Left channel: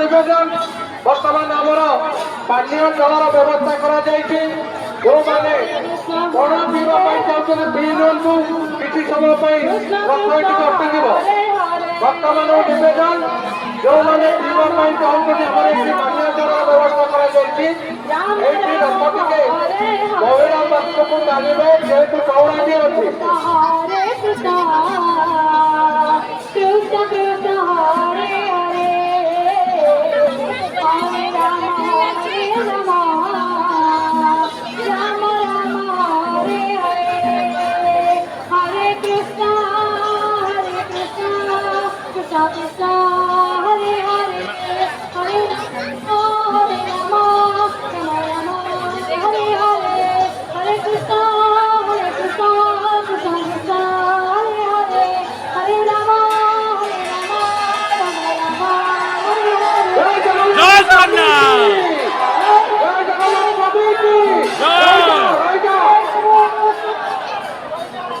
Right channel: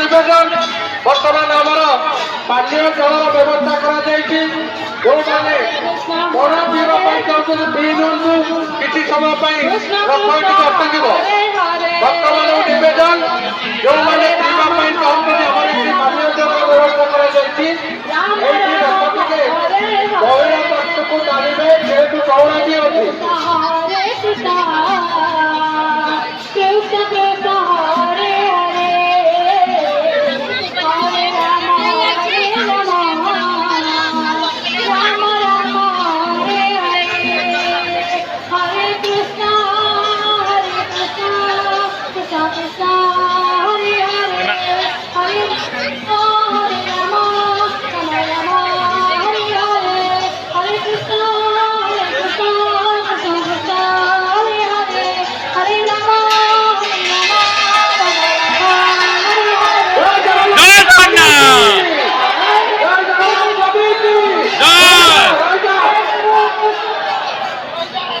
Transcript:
নিবেদন বর্তমান আমার পানীয় জলর ব্যবস্থা করা যাইছে ଯେଉଁମାନେ ବଡ଼ ପିଇବା ପାଇଁ ଚାହୁଁଛନ୍ତି ପିଇ ନିଅନ୍ତୁ କିଛି ସମୟ ପାଇଁ ରଥ ଟିକେ ଅଟକିବ ବର୍ତ୍ତମାନ ନିବେଦନ ଯେଉଁମାନେ ପିଇବା ପାଇଁ ଚାହୁଁଛନ୍ତି ଆମର ଏଠି ପାନୀୟ ଜଳର ବ୍ୟବସ୍ଥା କରାଯାଇଛି ଏଇଠି ରଥ ଟିକେ ମହିଳା ପକ୍ଷକୁ ଟାଣିବେ ଯେହେତୁ ଚଉରାଟି ଅଛି